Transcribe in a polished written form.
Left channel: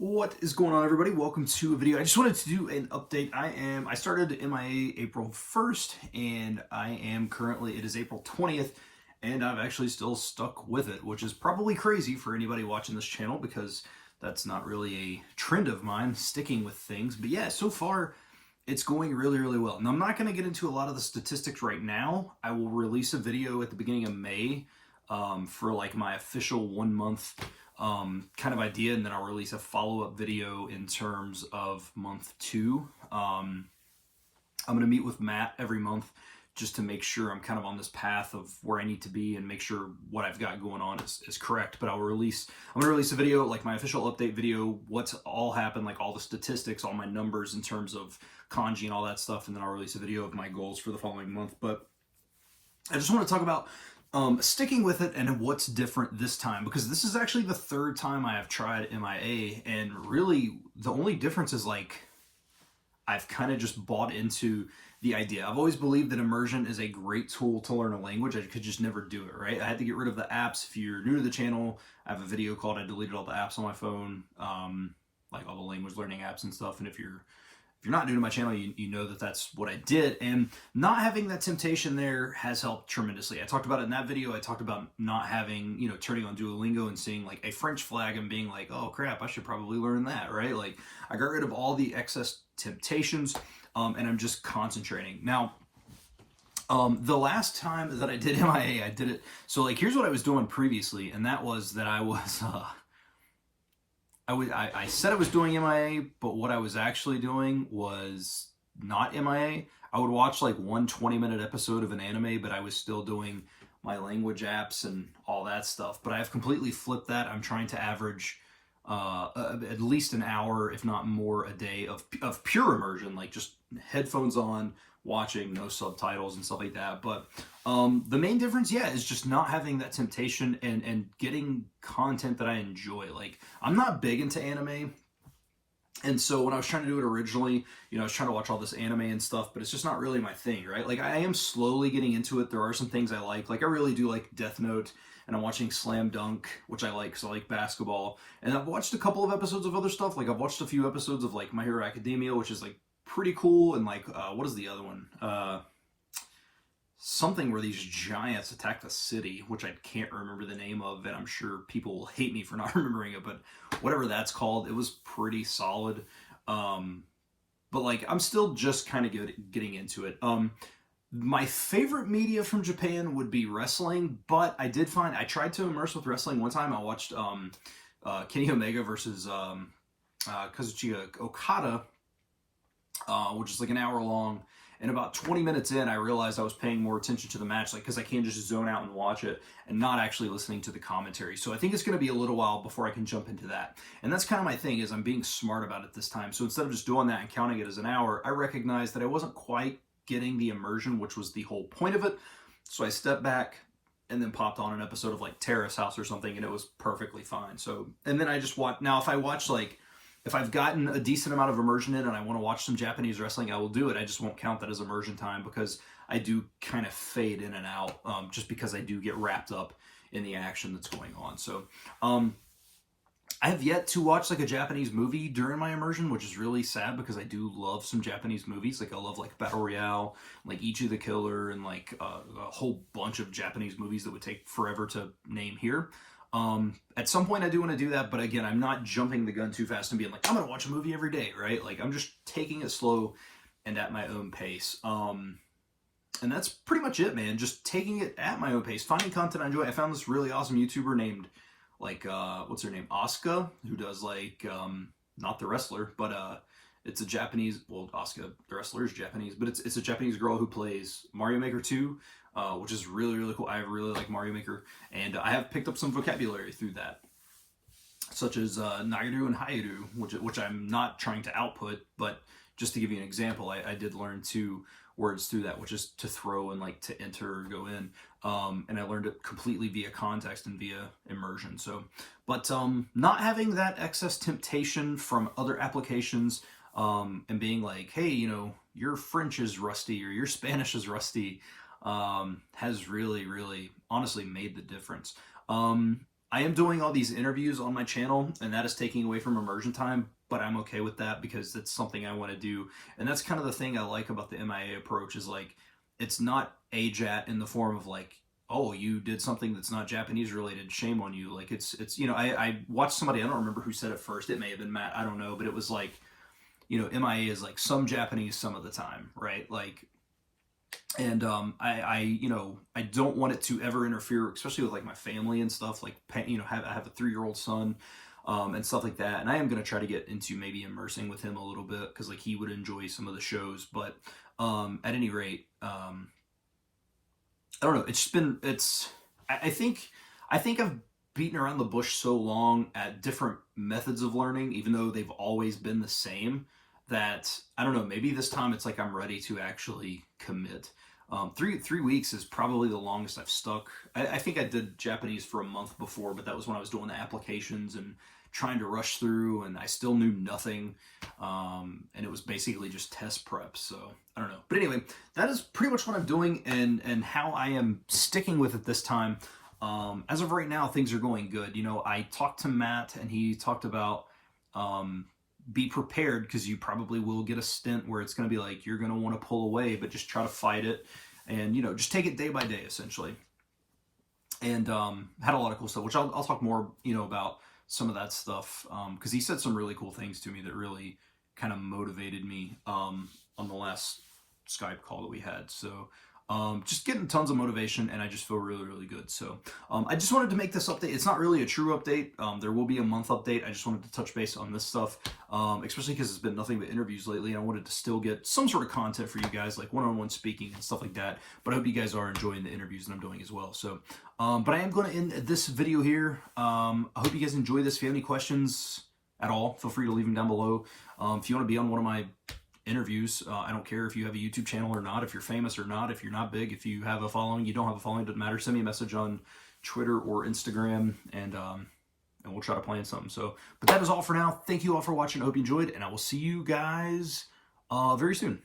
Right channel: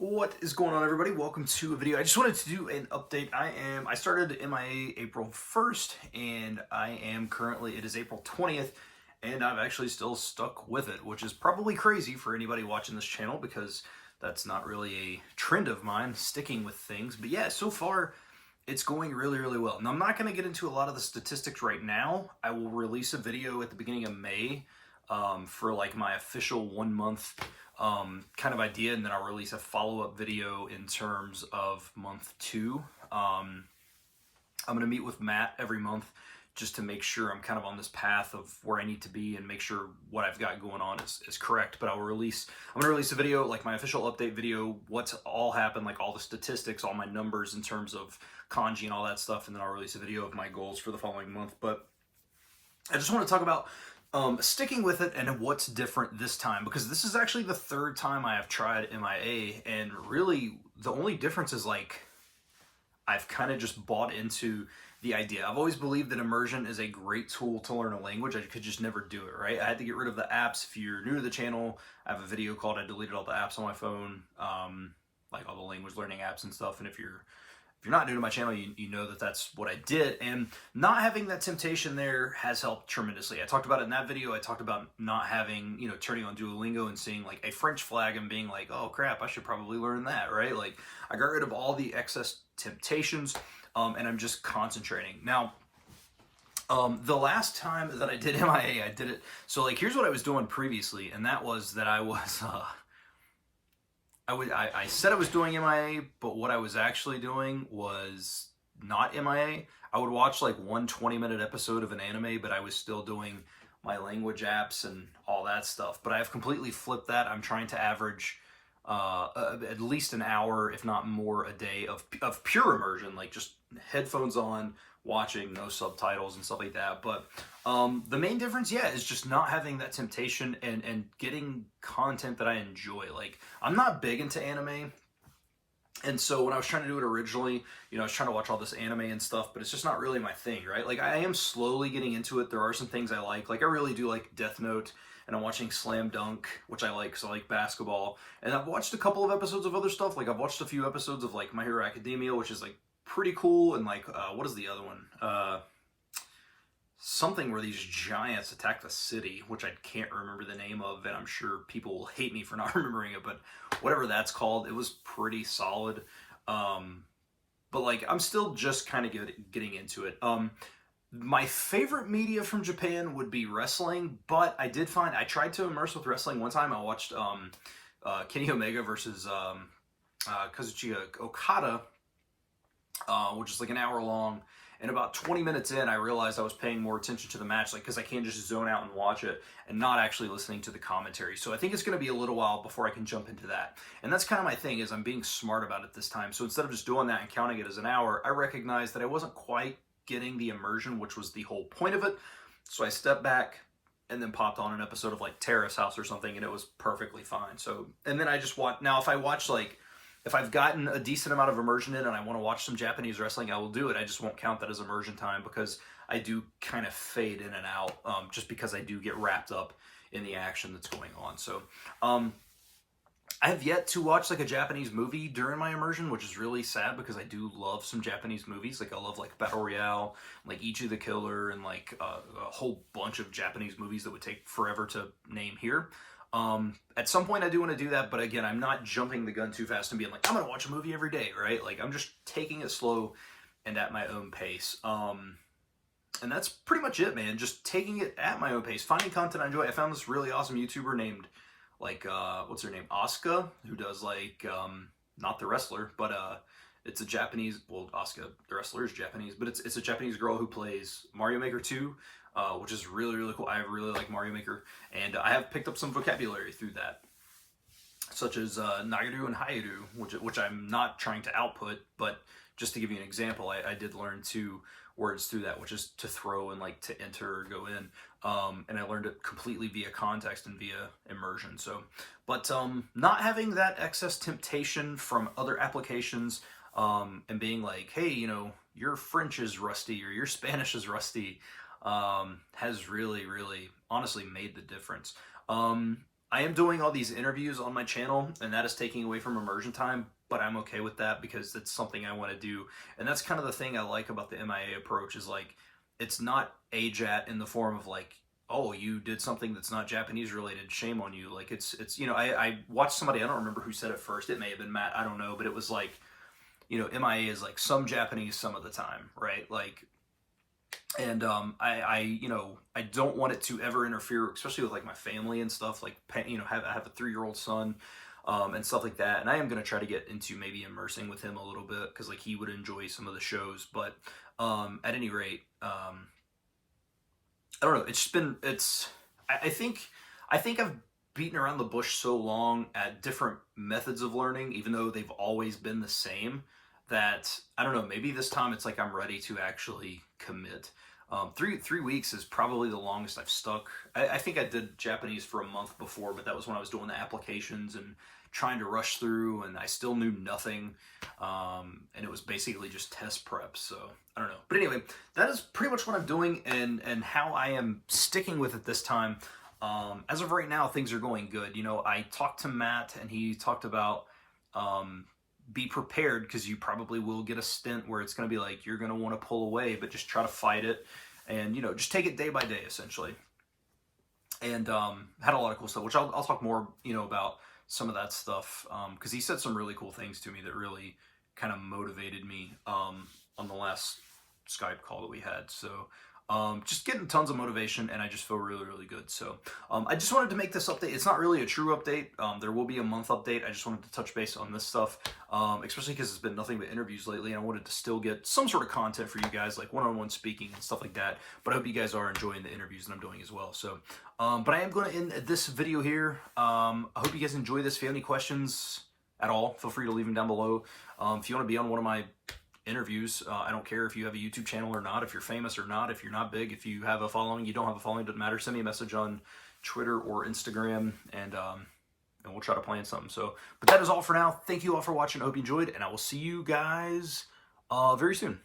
What is going on, everybody? Welcome to a video. I just wanted to do an update. I started MIA April 1st, and I am currently, it is April 20th, and I've actually still stuck with it, which is probably crazy for anybody watching this channel because that's not really a trend of mine, sticking with things. But yeah, so far, it's going really, really well. Now, I'm not going to get into a lot of the statistics right now. I will release a video at the beginning of May for like my official 1 month kind of idea, and then I'll release a follow-up video in terms of month 2. I'm going to meet with Matt every month just to make sure I'm kind of on this path of where I need to be and make sure what I've got going on is correct. But I'm going to release a video, like my official update video, what's all happened, like all the statistics, all my numbers in terms of kanji and all that stuff, and then I'll release a video of my goals for the following month. But I just want to talk about sticking with it and what's different this time, because this is actually the third time I have tried MIA, and really the only difference is like I've kind of just bought into the idea. I've always believed that immersion is a great tool to learn a language. I could just never do it, right? I had to get rid of the apps. If you're new to the channel, I have a video called I deleted all the apps on my phone, like all the language learning apps and stuff. And if you're not new to my channel, you know that that's what I did. And not having that temptation there has helped tremendously. I talked about it in that video. I talked about not having, turning on Duolingo and seeing like a French flag and being like, oh crap, I should probably learn that, right? Like I got rid of all the excess temptations, and I'm just concentrating. Now, the last time that I did MIA, I did it. So like, here's what I was doing previously. And that was that I was, I said I was doing MIA, but what I was actually doing was not MIA. I would watch like one 20-minute episode of an anime, but I was still doing my language apps and all that stuff. But I have completely flipped that. I'm trying to average at least an hour, if not more, a day of pure immersion, like just headphones on, watching, no subtitles and stuff like that. But the main difference, is just not having that temptation and getting content that I enjoy. Like, I'm not big into anime, and so when I was trying to do it originally, I was trying to watch all this anime and stuff, but it's just not really my thing, right? Like, I am slowly getting into it. There are some things I like. Like, I really do like Death Note, and I'm watching Slam Dunk, which I like, because I like basketball. And I've watched a couple of episodes of other stuff. Like, I've watched a few episodes of, like, My Hero Academia, which is, like, pretty cool. And, like, what is the other one? Something where these giants attack the city, which I can't remember the name of, and I'm sure people will hate me for not remembering it, but whatever that's called, it was pretty solid. But, like, I'm still just kind of getting into it. My favorite media from Japan would be wrestling, but I tried to immerse with wrestling one time. I watched Kenny Omega versus Kazuchika Okada, which is like an hour long. And about 20 minutes in, I realized I was paying more attention to the match, like, because I can't just zone out and watch it and not actually listening to the commentary. So I think it's going to be a little while before I can jump into that. And that's kind of my thing, is I'm being smart about it this time. So instead of just doing that and counting it as an hour, I recognized that I wasn't quite getting the immersion, which was the whole point of it. So I stepped back and then popped on an episode of like Terrace House or something, and it was perfectly fine. So, and then I just watch. Now, if I've gotten a decent amount of immersion in and I want to watch some Japanese wrestling, I will do it. I just won't count that as immersion time, because I do kind of fade in and out, just because I do get wrapped up in the action that's going on. So, I have yet to watch like a Japanese movie during my immersion, which is really sad, because I do love some Japanese movies. Like, I love like Battle Royale, like Ichi the Killer, and like a whole bunch of Japanese movies that would take forever to name here. At some point I do want to do that, but again, I'm not jumping the gun too fast and being like, I'm going to watch a movie every day, right? Like, I'm just taking it slow and at my own pace. And that's pretty much it, man. Just taking it at my own pace, finding content I enjoy. I found this really awesome YouTuber named, like, what's her name? Asuka, who does like, not the wrestler, but, it's a Japanese, well, Asuka, the wrestler, is Japanese, but it's a Japanese girl who plays Mario Maker 2, which is really, really cool. I really like Mario Maker, and I have picked up some vocabulary through that, such as Nagaru and Hairu, which I'm not trying to output, but just to give you an example, I did learn 2 words through that, which is to throw and like to enter or go in, and I learned it completely via context and via immersion. So, but not having that excess temptation from other applications, and being like, hey, your French is rusty or your Spanish is rusty, has really, really honestly made the difference. I am doing all these interviews on my channel, and that is taking away from immersion time, but I'm okay with that because it's something I want to do. And that's kind of the thing I like about the MIA approach is like, it's not AJAT in the form of like, oh, you did something that's not Japanese related, shame on you. Like it's you know, I watched somebody, I don't remember who said it first, it may have been Matt, I don't know, but it was like, you know, MIA is like some Japanese some of the time, right? Like, and you know, I don't want it to ever interfere, especially with like my family and stuff. Like, you know, I have a 3-year-old son, and stuff like that. And I am gonna try to get into maybe immersing with him a little bit because like he would enjoy some of the shows. But at any rate, I don't know. It's just been I think I've beaten around the bush so long at different methods of learning, even though they've always been the same, that I don't know, maybe this time it's like I'm ready to actually commit. 3 weeks is probably the longest I've stuck. I think I did Japanese for a month before, but that was when I was doing the applications and trying to rush through, and I still knew nothing. And it was basically just test prep. So I don't know. But anyway, that is pretty much what I'm doing and how I am sticking with it this time. As of right now, things are going good. You know, I talked to Matt, and he talked about be prepared because you probably will get a stint where it's going to be like you're going to want to pull away, but just try to fight it, and you know, just take it day by day essentially. And had a lot of cool stuff, which I'll talk more, you know, about some of that stuff because he said some really cool things to me that really kind of motivated me on the last Skype call that we had. So just getting tons of motivation, and I just feel really, really good. So I just wanted to make this update. It's not really a true update. There will be a month update. I just wanted to touch base on this stuff, especially because it's been nothing but interviews lately, and I wanted to still get some sort of content for you guys, like one-on-one speaking and stuff like that. But I hope you guys are enjoying the interviews that I'm doing as well. So, but I am going to end this video here. I hope you guys enjoy this. If you have any questions at all, feel free to leave them down below. If you want to be on one of my interviews, I don't care if you have a YouTube channel or not, if you're famous or not, if you're not big, if you have a following, you don't have a following, doesn't matter. Send me a message on Twitter or Instagram, and we'll try to plan something. So, but that is all for now. Thank you all for watching. I hope you enjoyed, and I will see you guys very soon.